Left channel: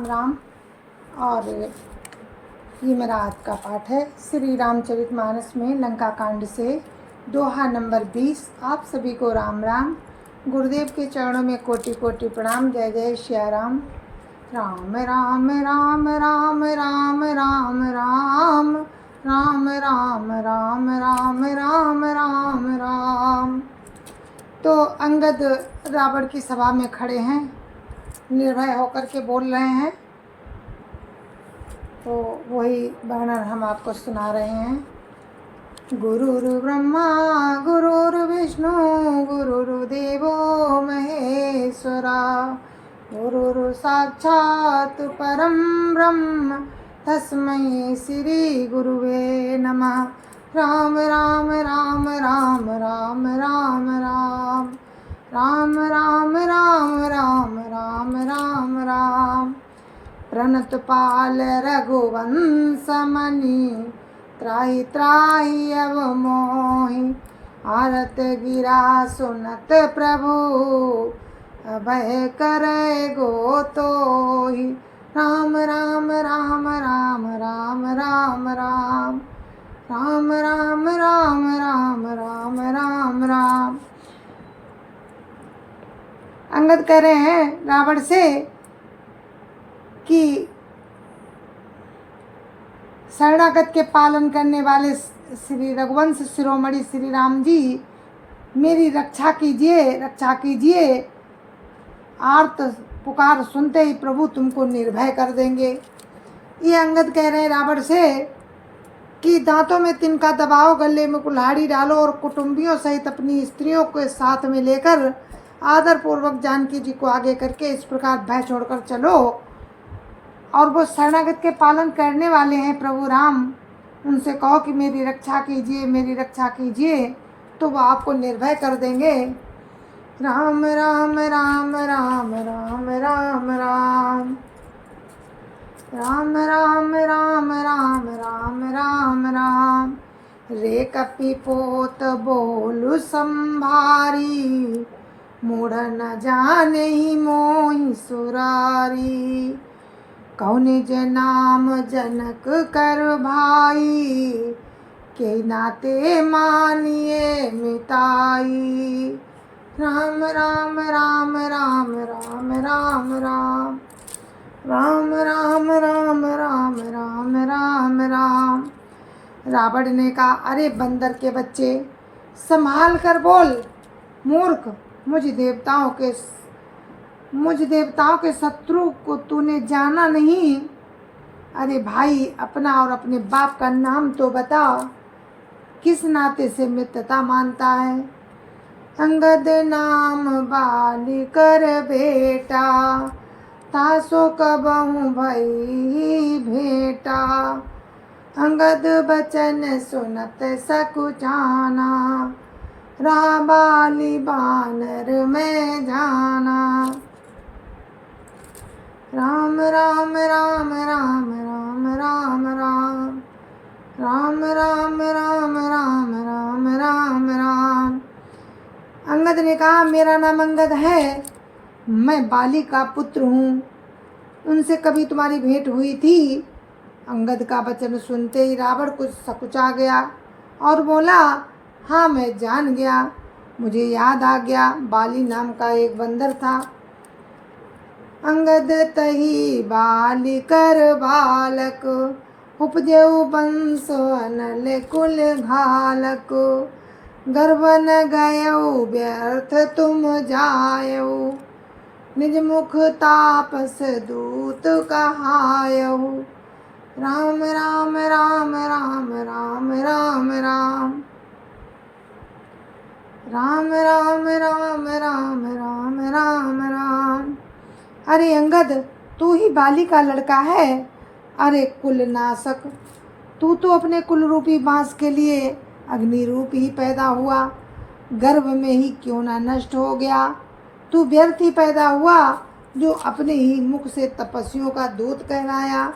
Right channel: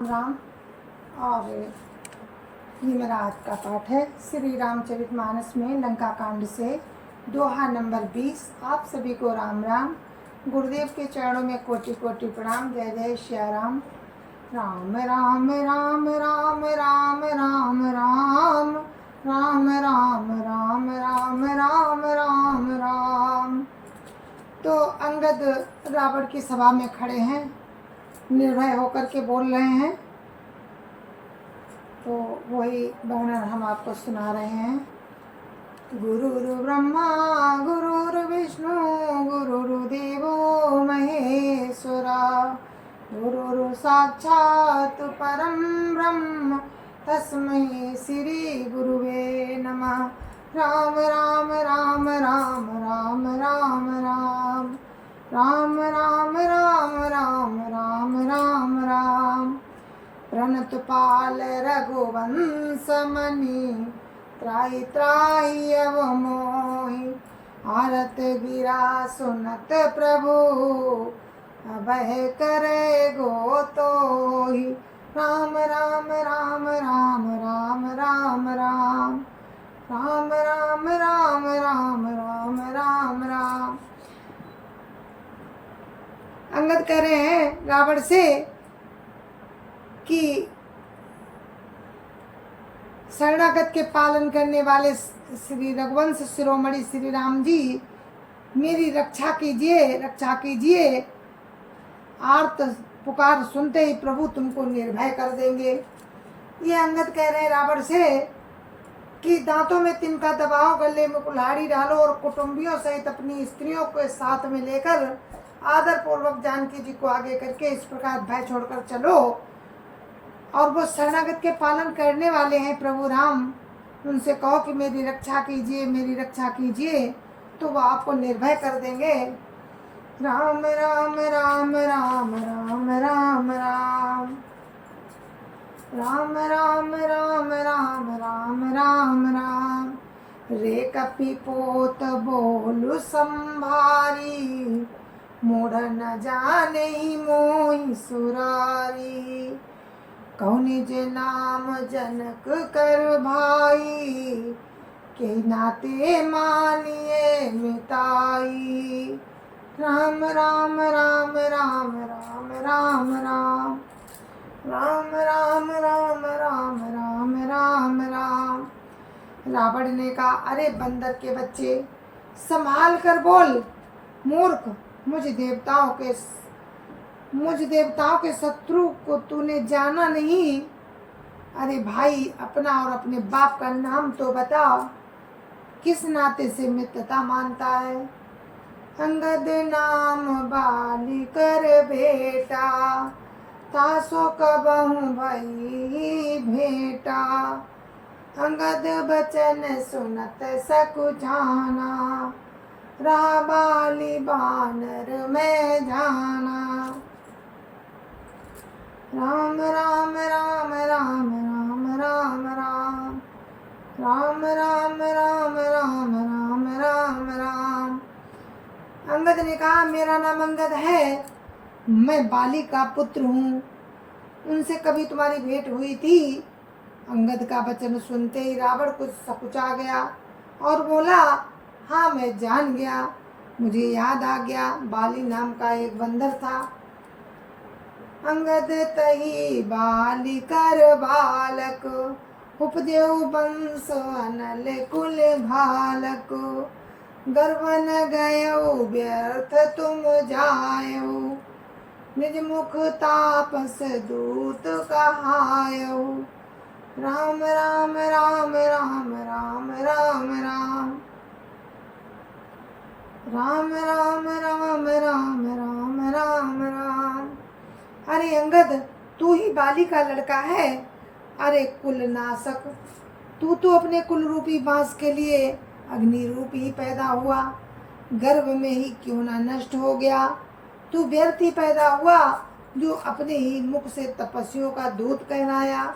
राम। और ये मेरा आज का पाठ है श्री रामचरितमानस में लंका कांड से दोहा नंबर 20। आप सभी को राम राम। गुरुदेव के चरणों में कोटि कोटि प्रणाम। जय जय श्या राम। राम राम राम राम राम राम राम राम राम राम राम राम राम राम। तो अंगद रावण की सभा में खड़े हैं, निर्भय होकर के बोल रहे हैं। तो वही वर्णन हम आपको सुना रहे हैं। गुरुर् ब्रह्मा गुरुर्विष्णु गुरुर्देवो महेश्वरा, गुरुर् साक्षात् परं ब्रह्म तस्मै श्री गुरुवे नमः। राम राम राम राम राम राम राम राम राम राम राम राम राम राम। प्रणत पाल रघुवंश मणि, त्राहि त्राहि अव मोहि। आरत गिरा सुनत प्रभु, अभय करे गोतोहि। राम राम राम राम राम राम राम राम राम राम राम राम राम राम। अंगद कह रहे हैं रावण से कि शरणागत के पालन करने वाले श्री रघुवंश शिरोमणि श्री राम जी, मेरी रक्षा कीजिए, रक्षा कीजिए। आर्त पुकार सुनते ही प्रभु तुमको निर्भय कर देंगे। ये अंगद कह रहे हैं रावण से कि दांतों में तिनका दबाओ, गले में कुल्हाड़ी डालो और कुटुंबियों सहित अपनी स्त्रियों को साथ में लेकर आदर पूर्वक जानकी जी को आगे करके इस प्रकार भय छोड़कर चलो। और वो शरणागत के पालन करने वाले हैं प्रभु राम, उनसे कहो कि मेरी रक्षा कीजिए, मेरी रक्षा कीजिए, तो वो आपको निर्भय कर देंगे। राम राम राम राम राम राम राम राम राम राम राम राम राम राम। रे कपि पोत बोलु संभारी, मूढ़ न जाने ही मोहि सुरारी। कहो निज नाम जनक कर भाई, के नाते मानिए मिताई। राम राम राम राम राम राम राम राम राम राम राम राम राम राम। रावण ने कहा, अरे बंदर के बच्चे, संभाल कर बोल। मूर्ख, मुझ देवताओं के शत्रु को तूने जाना नहीं। अरे भाई, अपना और अपने बाप का नाम तो बता, किस नाते से मित्रता मानता है। अंगद नाम बाली कर बेटा, तासो कबहु भई भेटा। अंगद बचन सुनत सकुचाना, रहा बाली बानर में जाना। राम राम राम राम राम राम राम राम राम राम राम राम राम राम। अंगद ने कहा, मेरा नाम अंगद है, मैं बाली का पुत्र हूँ। उनसे कभी तुम्हारी भेंट हुई थी? अंगद का वचन सुनते ही रावण कुछ सकुचा गया और बोला, हाँ मैं जान गया, मुझे याद आ गया, बाली नाम का एक बंदर था। अंगद तही बाली कर बालक, उपजऊ वंश अनल कुल घालक। गर्भ न गयऊ व्यर्थ तुम जायऊ, निज मुख तापस दूत कहायऊ। राम राम राम राम राम राम राम राम राम राम राम राम राम राम। अरे अंगद, तू ही बाली का लड़का है। अरे कुल नाशक, तू तो अपने कुल रूपी बांस के लिए अग्नि रूप ही पैदा हुआ, गर्भ में ही क्यों ना नष्ट हो गया। तू व्यर्थ ही पैदा हुआ, जो अपने ही मुख से तपस्वियों का दूत कहलाया।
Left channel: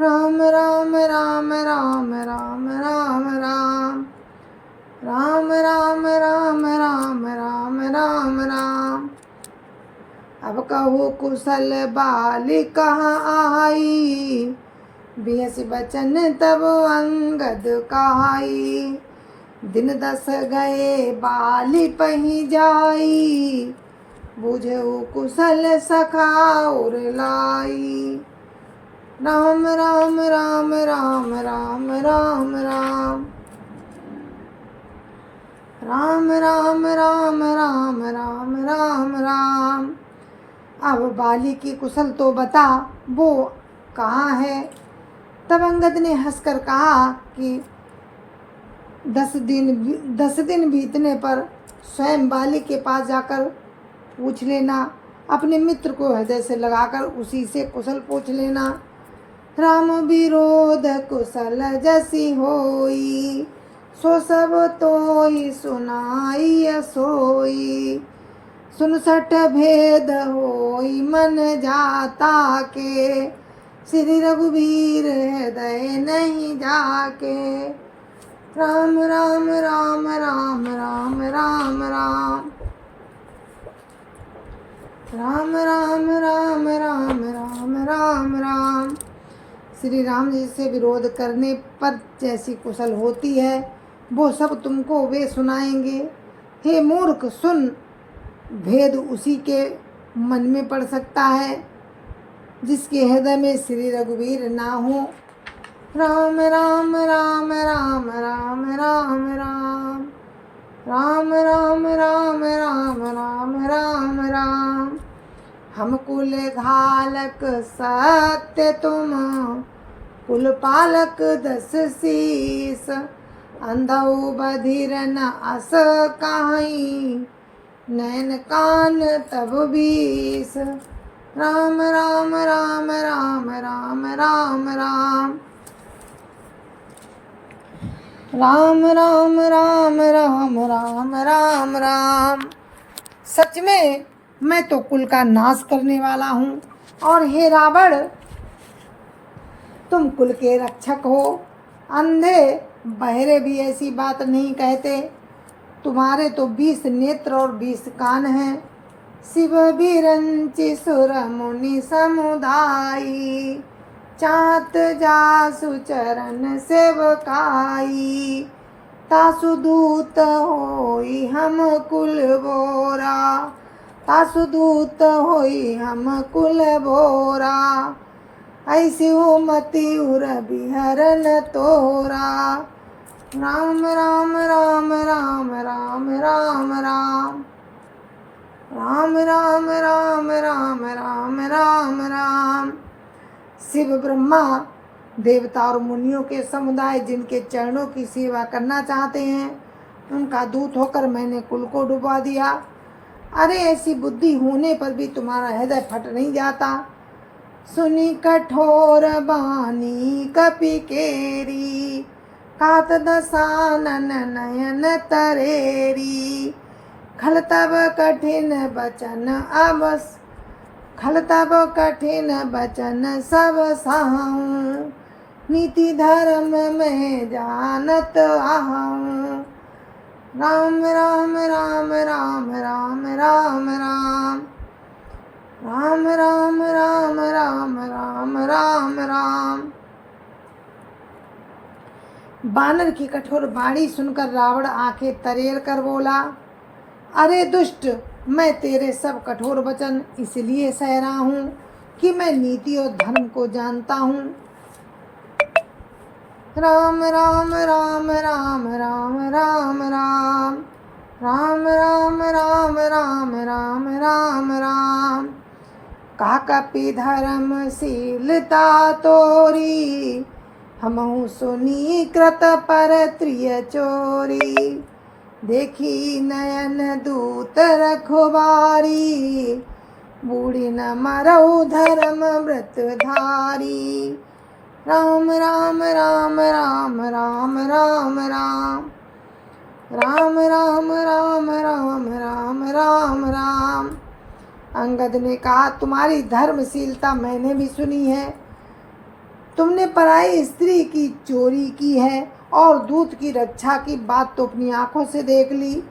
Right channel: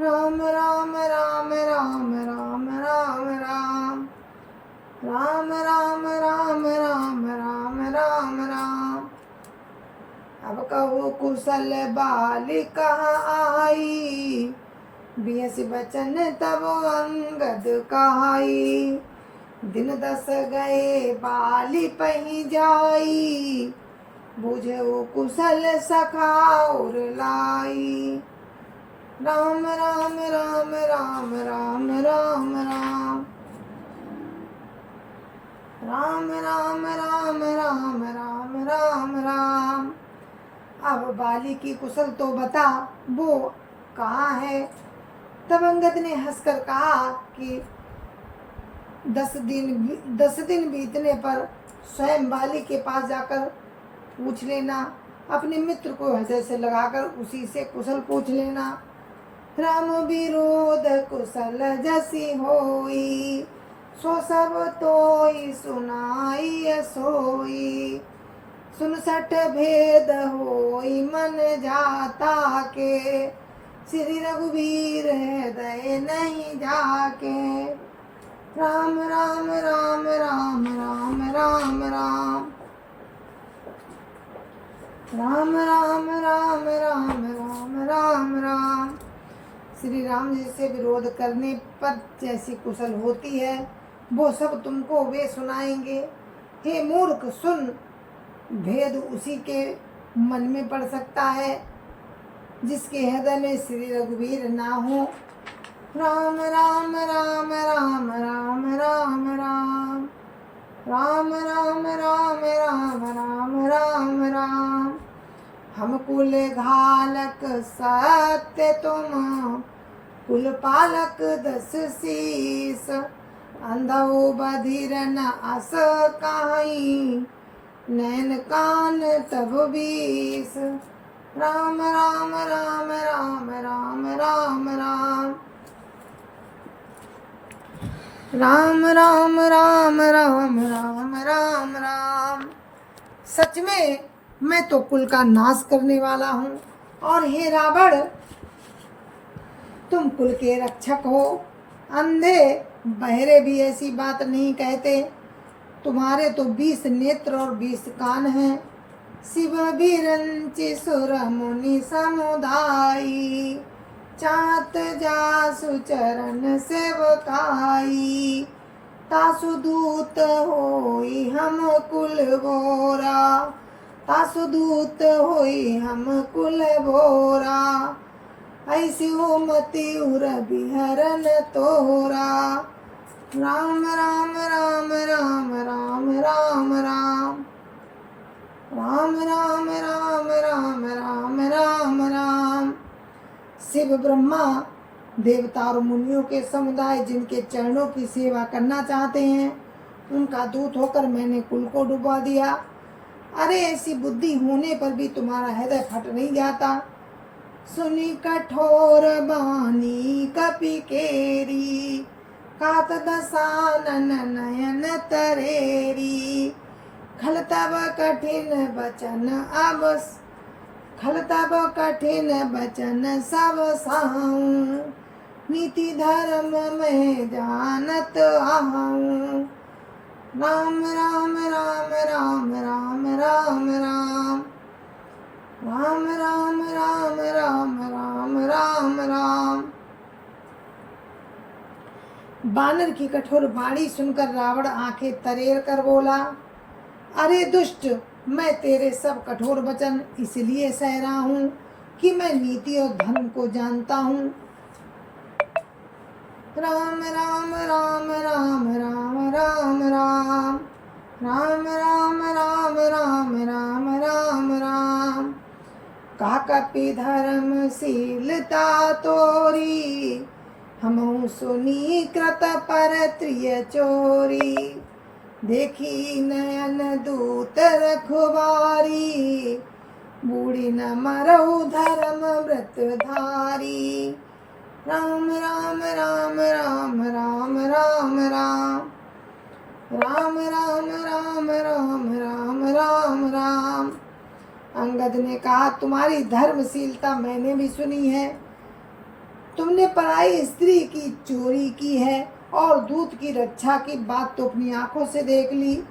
राम राम राम राम राम राम राम राम राम राम राम राम राम राम। अब कहो कुशल बाली कहाँ आई, बिहस बचन तब अंगद कहाई। दिन 10 गए बाली पही जाई, बुझऊ कुशल सखा और लाई। राम राम राम राम राम राम राम राम राम राम राम राम राम राम। अब बाली की कुशल तो बता, वो कहाँ है। तब अंगद ने हंसकर कहा कि 10 दिन बीतने पर स्वयं बाली के पास जाकर पूछ लेना, अपने मित्र को हृदय से लगाकर उसी से कुशल पूछ लेना। राम विरोध कुशल जसी होई, सो सब तोई सुनाई सोई। 69 भेद होई मन जाता के, श्री रघुवीर हृदय नहीं जाके। राम राम राम राम राम राम राम राम राम राम राम राम राम राम। श्री राम जी से विरोध करने पर जैसी कुशल होती है, वो सब तुमको वे सुनाएंगे। हे मूर्ख सुन, भेद उसी के मन में पड़ सकता है जिसके हृदय में श्री रघुवीर ना हो। राम राम राम राम राम राम राम राम राम राम राम राम राम राम। हम कुल घालक सत्य तुम, कुल पालक 10 शीस। अंधौ बधिर न अस काहीं, नैन कान तब 20। राम राम राम राम राम राम राम राम राम राम राम राम राम राम। सच में मैं तो कुल का नाश करने वाला हूँ, और हे रावण तुम कुल के रक्षक हो। अंधे बहरे भी ऐसी बात नहीं कहते, तुम्हारे तो 20 नेत्र और 20 कान हैं। शिव बिरंचि सुर मुनि समुदायी, चात जासु चरण सेवकाई। तासु दूत होई हम कुल बोरा, तासु दूत होई हम कुल बोरा। ऐसी हो मति उर बिहरन तोरा। राम राम राम राम राम राम राम राम राम राम राम राम राम राम। शिव ब्रह्मा देवता और मुनियों के समुदाय जिनके चरणों की सेवा करना चाहते हैं, उनका दूत होकर मैंने कुल को डुबा दिया। अरे ऐसी बुद्धि होने पर भी तुम्हारा हृदय फट नहीं जाता। सुनी कठोर बानी कपि केरी, कात दसानन नयन तरेरी। खल तब कठिन बचन अबस, खल तब कठिन बचन सब सहूँ। नीति धर्म में जानत आहूँ। राम राम राम राम राम राम राम राम राम राम राम राम राम राम। बानर की कठोर बाणी सुनकर रावण आंखें तरेर कर बोला, अरे दुष्ट, मैं तेरे सब कठोर वचन इसलिए सह रहा हूँ कि मैं नीति और धर्म को जानता हूँ। राम राम राम राम राम राम राम राम राम राम राम राम राम राम। का कपि धर्मशीलता तोरी, हमहु सुनी कृत पर त्रिय चोरी। देखी नयन दूत रखवारी, बूढ़ी न मरऊ धर्म व्रत धारी। राम राम राम राम राम राम राम राम राम राम राम राम राम राम। अंगद ने कहा, तुम्हारी धर्मशीलता मैंने भी सुनी है। तुमने पराई स्त्री की चोरी की है और दूत की रक्षा की बात तो अपनी आंखों से देख ली।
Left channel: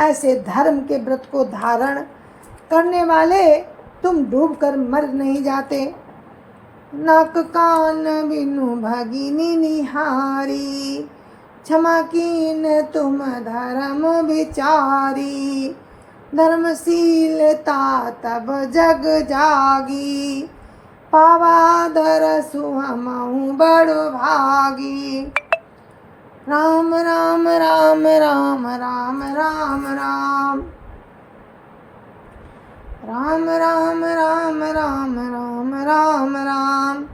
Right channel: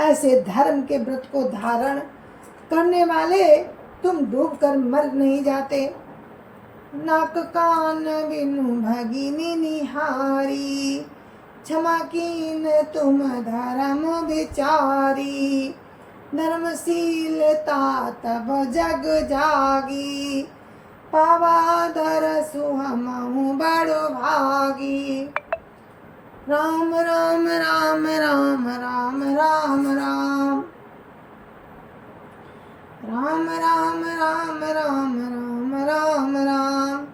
ऐसे धर्म के व्रत को धारण करने वाले तुम डूब कर मर नहीं जाते। नाक कान बिनु भगिनी निहारी, क्षमा कीन तुम धर्म विचारी। धर्मशीलता तब जग जागी, पावा दरसु हमहु बड़ भागी। राम राम राम राम राम राम राम राम राम राम राम राम राम राम।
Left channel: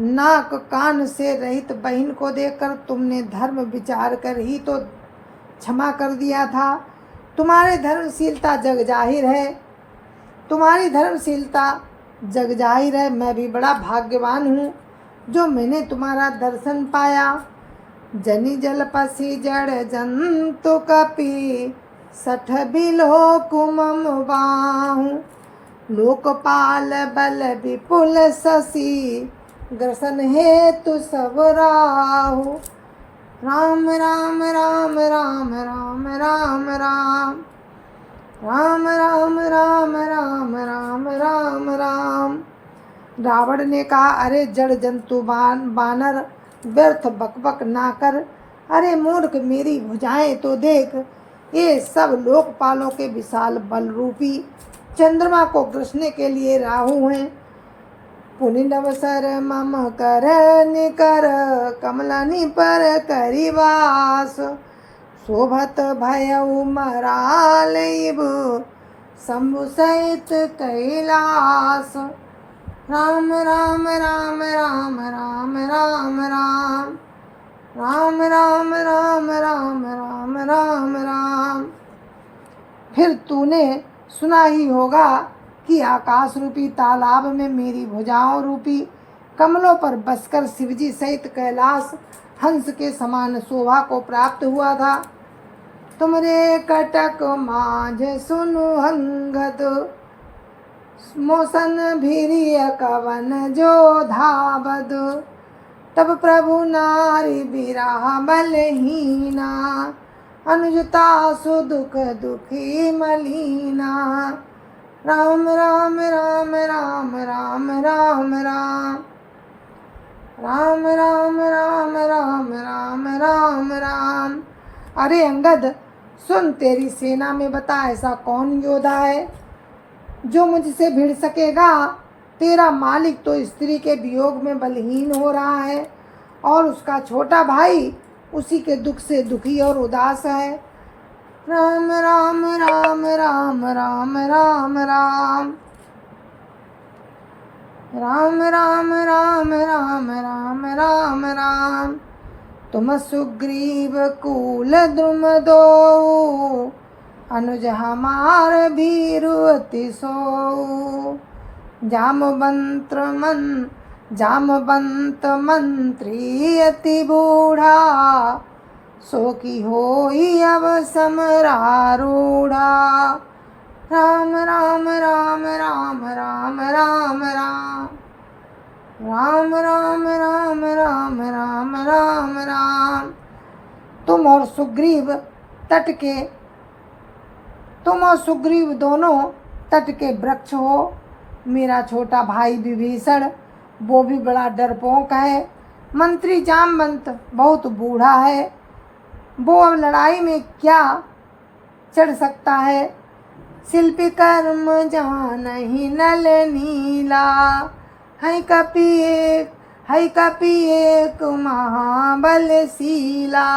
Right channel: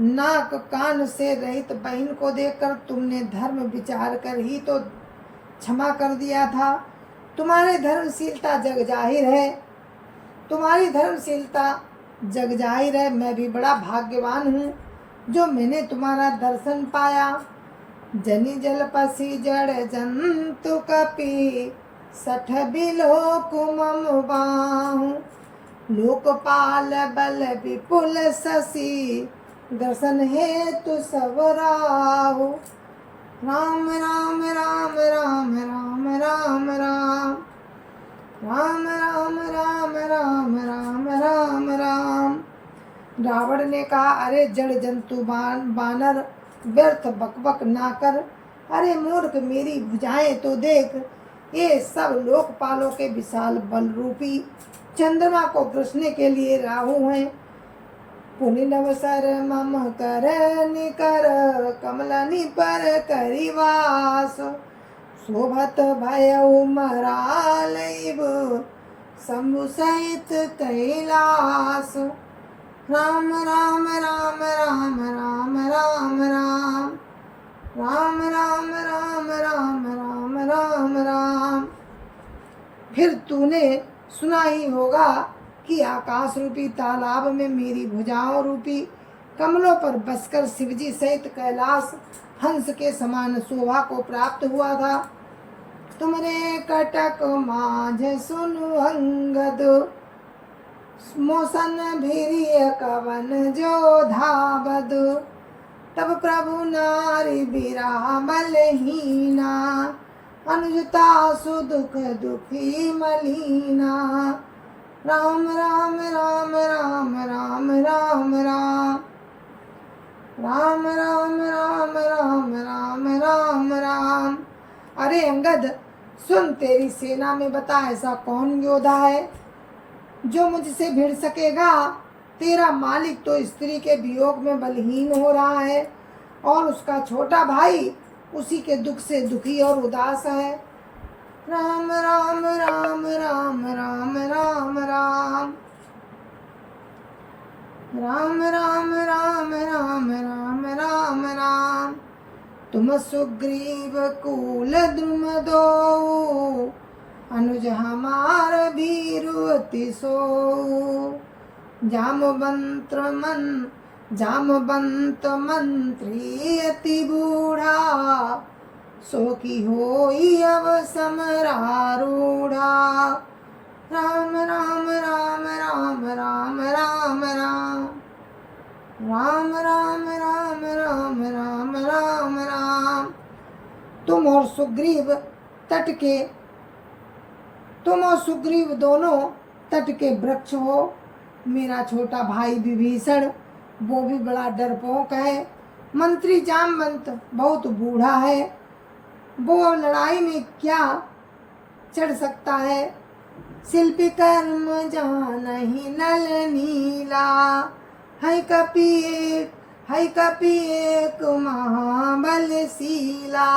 नाक कान से रहित बहन को देखकर तुमने धर्म विचार कर ही तो क्षमा कर दिया था। तुम्हारी धर्मशीलता जग जाहिर है, तुम्हारी धर्मशीलता जग जाहिर है। मैं भी बड़ा भाग्यवान हूँ जो मैंने तुम्हारा दर्शन पाया। जनि जल पसी जड़ जंतु कपि, सठ बिलो कुमम बाहु। लोकपाल बल विपुल शशि, ग्रसन हेतु सब राहु। राम राम राम राम राम राम राम राम राम राम राम राम राम राम। रावण ने कहा, अरे जड़ जंतु बानर, व्यर्थ बकबक ना कर। अरे मूर्ख, मेरी भुजाएं तो देख, ये सब लोकपालों के विशाल बल रूपी चंद्रमा को ग्रसने के लिए राहु हैं। पुनि नवसर मम कर निकर, कमलनि पर करिवास। शोभत भयउ मरालइब, शंभु सहित कैलास। राम राम राम राम राम राम राम राम राम राम राम राम राम राम। फिर तूने सुना ही होगा कि आकाश रूपी तालाब में मेरी भुजाओं रूपी कमलों पर बसकर शिवजी सहित कैलाश हंस के समान शोभा को प्राप्त हुआ था। तुमरे कटक माझ सुनु अंगद, मोसन भीरिय कवन जो धावद। तब प्रभु नारी बिरह बलहीना, अनुजता सुदुख दुखी मलीना। राम राम राम राम राम राम राम राम राम राम राम राम राम राम। अरे अंगद सुन, तेरी सेना में बता ऐसा कौन योद्धा है जो मुझसे भिड़ सकेगा। तेरा मालिक तो स्त्री के वियोग में बलहीन हो रहा है और उसका छोटा भाई उसी के दुख से दुखी और उदास है। राम राम राम राम राम राम राम राम राम राम राम राम राम राम। तुम सुग्रीव कुल द्रुम दो, अनुज हमार भीरु अति सो। जामवंत मंत्री अति बूढ़ा, सो की होई अब समरारूढ़ा। राम राम राम राम राम राम राम राम राम राम राम राम राम राम। तुम और सुग्रीव दोनों तट के वृक्ष हो। मेरा छोटा भाई विभीषण, वो भी बड़ा डरपोक है। मंत्री जामवंत बहुत बूढ़ा है, वो अब लड़ाई में क्या चढ़ सकता है। शिल्पी कर्म जानहि नल नीला, है कपि एक महाबलशीला।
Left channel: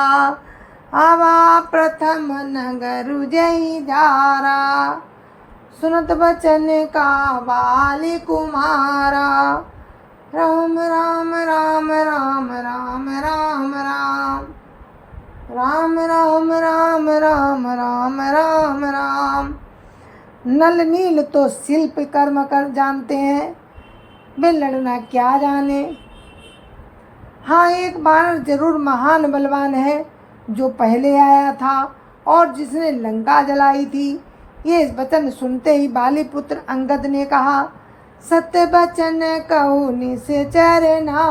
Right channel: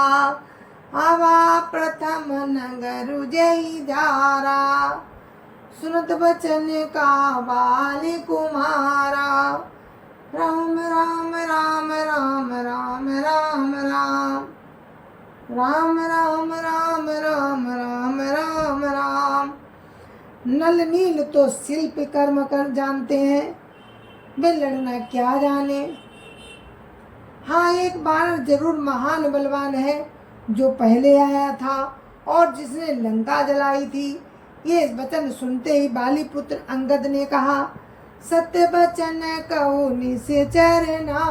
आवा प्रथम नगर जय जारा, सुनत बचन का बाली कुमारा। राम राम राम राम राम राम राम राम राम राम राम राम राम राम। नल नील तो शिल्प कर्म कर जानते हैं, वे लड़ना क्या जाने। हाँ, एक बानर जरूर महान बलवान है जो पहले आया था और जिसने लंका जलाई थी। ये वचन सुनते ही बाली पुत्र अंगद ने कहा, सत्य बचन कहु निश्चरना,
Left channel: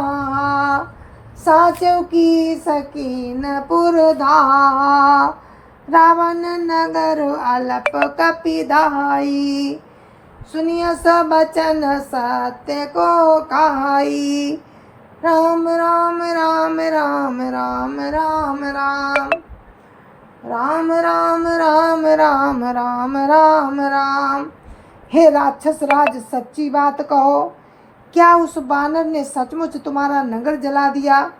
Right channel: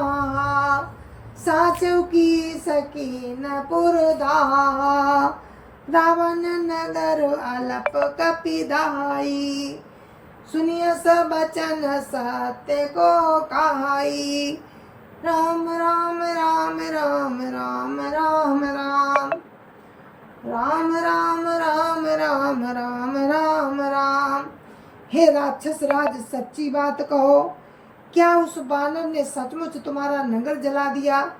साचौ की सकीन पुरधा। रावण नगर अलप कपिधाई, सुनिय सब बचन सत्य को कहाई। राम राम राम राम राम राम राम राम राम राम राम राम राम राम। हे राक्षस राज, सच्ची बात कहो, क्या उस बानर ने सचमुच तुम्हारा नगर जला दिया?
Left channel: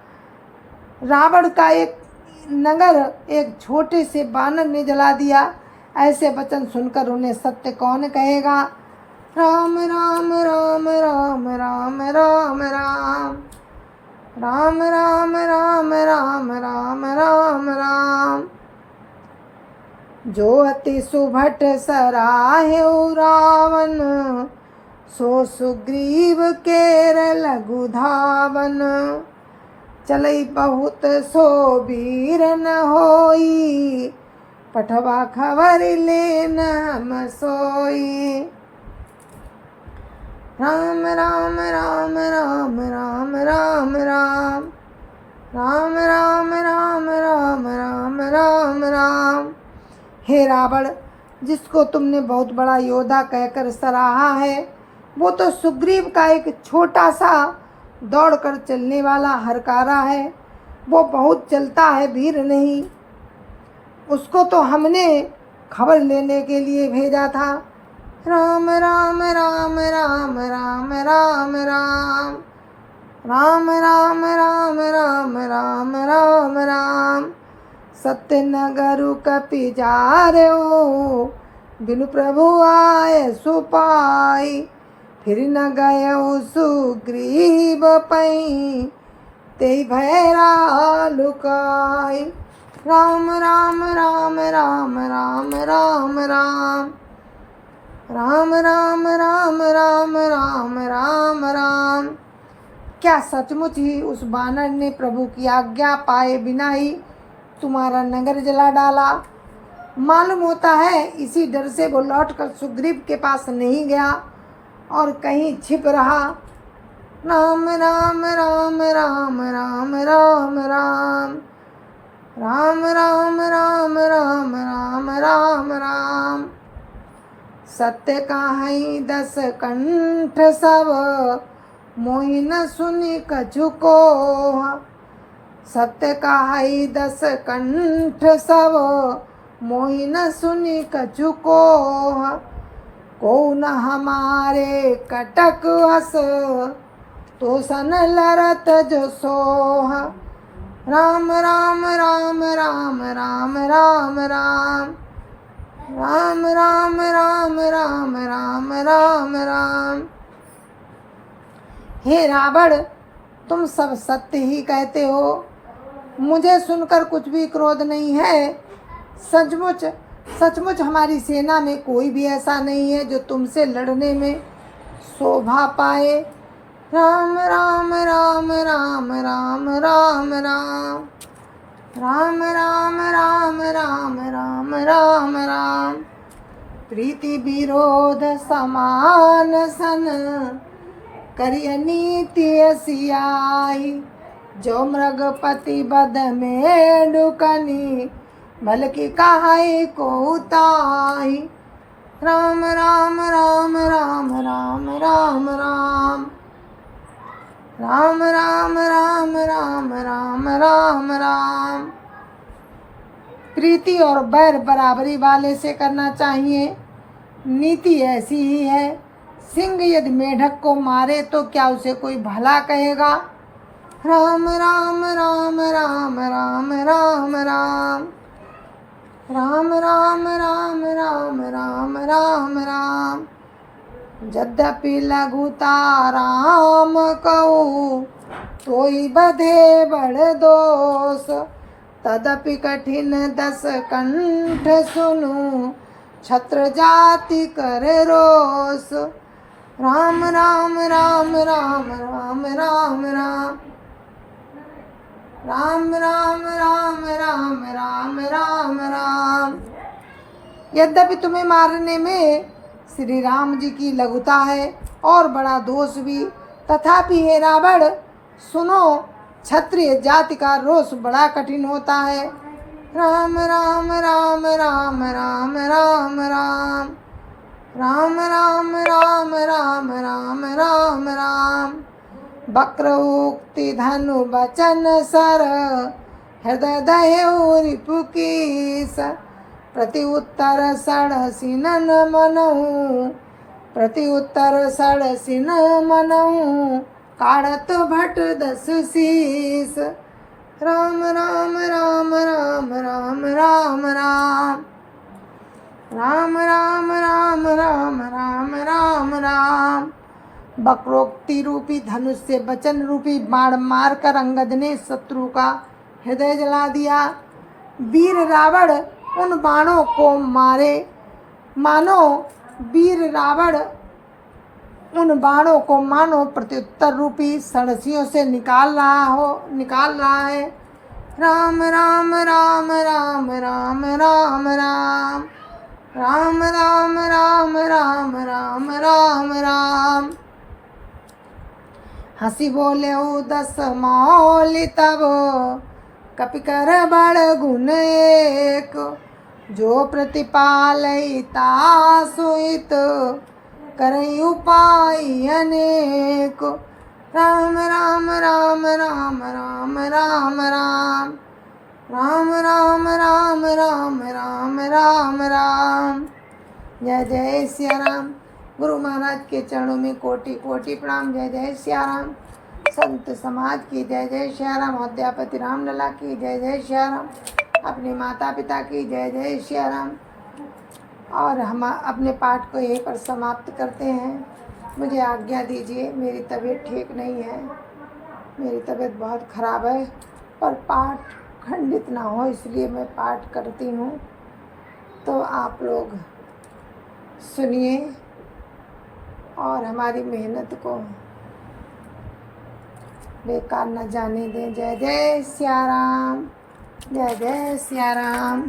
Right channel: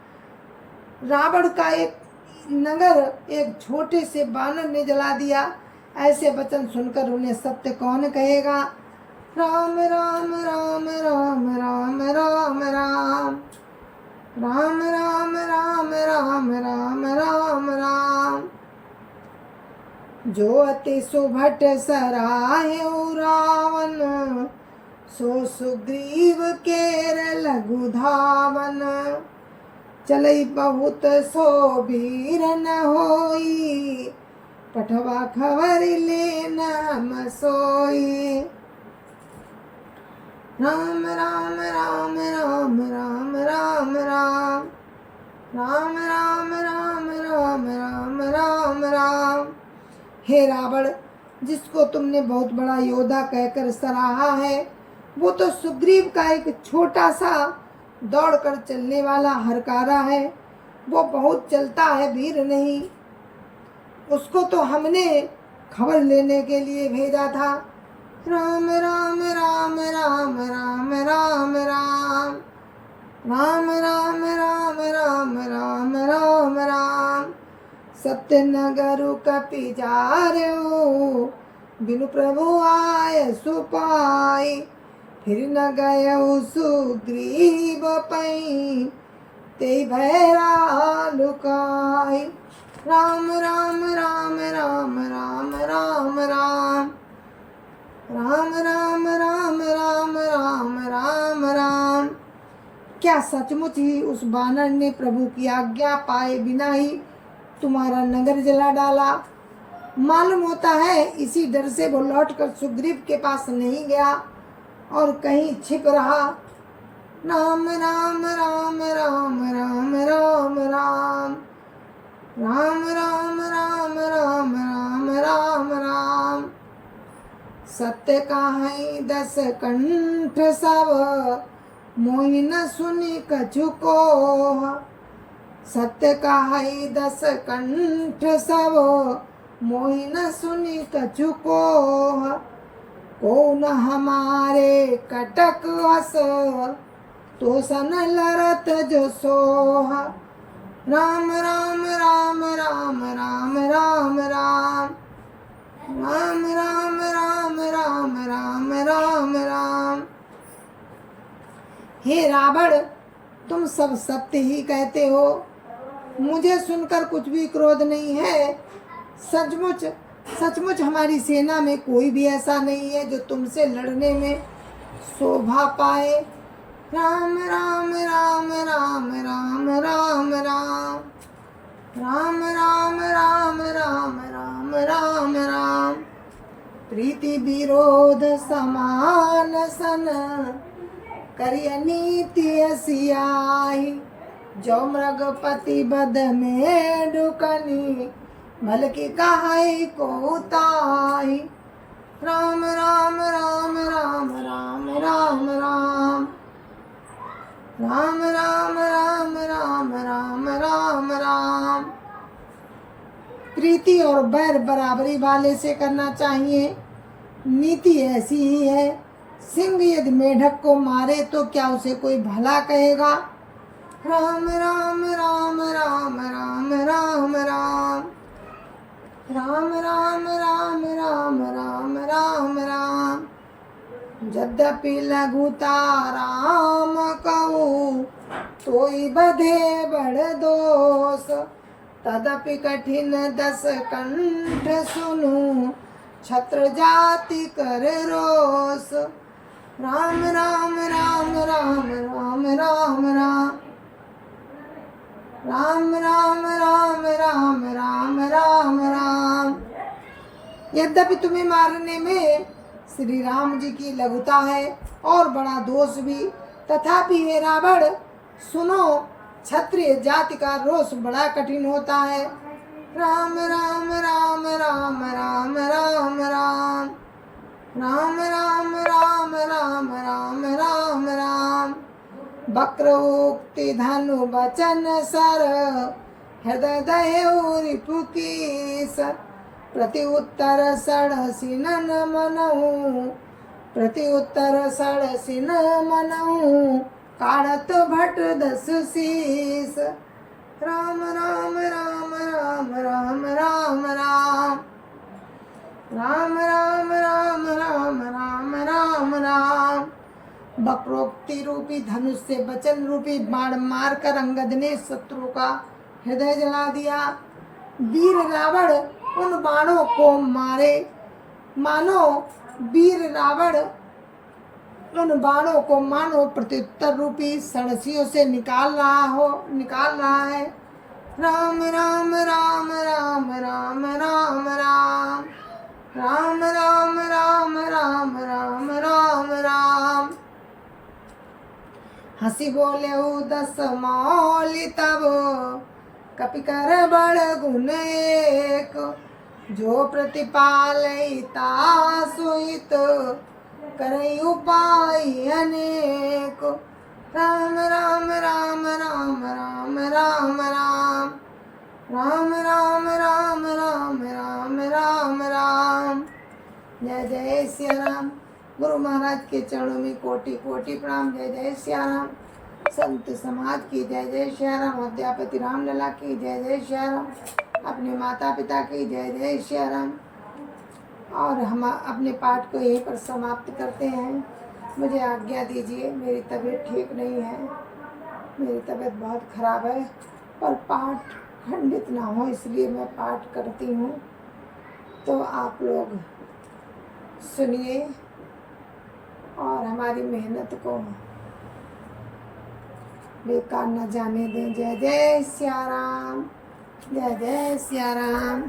रावण का एक नगर एक छोटे से बानर ने जला दिया। ऐसे वचन सुनकर उन्हें सत्य कौन कहेगा? राम राम राम राम राम राम राम राम राम राम राम राम राम राम। जो अति सुभट सराहे रावण, सो सुग्रीव केर लघु धावन। चलई बहुत सो वीर न होई, पठवा खबर लेन हम सोई। राम राम राम राम राम राम राम राम राम राम राम राम राम राम। हे रावण, जिसको तुमने बहुत बड़ा योद्धा कहकर सराहा है, वो तो सुग्रीव का एक छोटा सा दौड़कर चलने वाला हरकारा है। वो बहुत चलता है, वीर नहीं। उसको तो हमने खबर लेने के लिए भेजा था। राम राम राम राम राम राम राम राम राम राम राम राम राम राम। सत्य नगरु कपि जारऊ, बिनु प्रभु आय सुपाई। फिर न गयऊ सुग्रीव पई, तेई भैरा लुकाई। राम राम राम राम राम राम राम राम राम राम राम राम राम राम। क्या सचमुच ही उस बानर ने प्रभु की आज्ञा पाए बिना ही तुम्हारा नगर जला डाला? मालूम होता है इसी डर से वो लौटकर सुग्रीव के पास नहीं गया और कहीं छिप रहा। राम राम राम राम राम राम राम राम राम राम राम राम राम राम। सत्य काहि दस कंठ सब, मोहि न सुनि कछु कोह। सत्य काहि दस कंठ सब, मोहि न सुनि कछु कोह। को न हमारे कटक हस, तो सन लरत जो सोह। राम राम राम राम राम राम राम राम राम राम राम राम राम राम। हे रावण, तुम सब सत्य ही कहते हो, मुझे सुनकर कुछ भी क्रोध नहीं है। सचमुच सचमुच हमारी सेना में कोई भी ऐसा नहीं है जो तुमसे लड़ने में शोभा पाए। राम राम राम राम राम राम राम राम राम राम राम राम राम राम। प्रीति विरोध समान सन, करिय नीति सियाई। जो मृगपति बद में डुकनी, भल की काहे को ताई। राम राम राम राम राम राम राम राम राम राम राम राम राम राम। प्रीति और बैर बराबरी वाले से करना चाहिए। नीति ऐसी ही है, सिंह यदि मेढक को मारे तो क्या उसे कोई भला कहेगा? राम राम राम राम राम राम राम राम राम राम राम राम राम राम। यद्यपि लघुता राम कहूँ, तोई बधे बड़ दोष। तदपि कठिन दस कंठ सुनु, छत्र जाति कर रोष। राम राम राम राम राम राम राम राम राम राम राम राम राम राम। यद्यपि तुम्हें मारने में श्री राम जी की लघुता है और बड़ा दोष भी, तथापि हे रावण सुनो, क्षत्रिय जाति का रोष बड़ा कठिन होता है। राम राम राम राम राम राम राम राम राम राम राम राम राम राम। वक्र उक्ति धनु वचन सर, हृदय दह्यु रिपुकेश। प्रति उत्तर षडसी नन मनहु, प्रति उत्तर षडसी न मनहु। काढ़त भट दस शीस। राम राम राम राम राम राम राम। राम राम राम राम राम राम राम। वक्रोक्ति रूपी धनुष से वचन रूपी बाण मारकर अंगद ने शत्रु का हृदय जला दिया। वीर रावण उन बाणों को मारे, मानो वीर रावण उन बाणों को मानो प्रत्युत्तर रूपी षडसियों से निकाल रहा है। राम राम राम राम राम राम राम। राम राम राम राम राम राम राम। हंसी बोले दस मौली तब, कपि कर बड़ गुण एक। जो प्रतिपालयिता सुहित, करई उपाय अनेक। राम राम राम राम राम राम राम। राम राम राम राम राम राम राम। जय जय सिया राम। गुरु महाराज के चरणों में कोटि कोटि प्रणाम। जय जय सिया राम। संत समाज की जय जय सिया राम। अध्यापति रामलला की जय जय सिया राम। अपने माता पिता की जय जय सिया राम। और हम अपने पाठ को यहीं पर समाप्त करते हैं। मुझे आज्ञा दीजिए, मेरी तबीयत ठीक नहीं है, मेरी तबीयत बहुत ख़राब है, पर पाठ खंडित ना हो इसलिए मैं पाठ करती हूँ। तो आप लोग सुनिए और हमारी मेहनत को बेकार न जाने दें। जय जय सिया राम। जय जय सिया राम।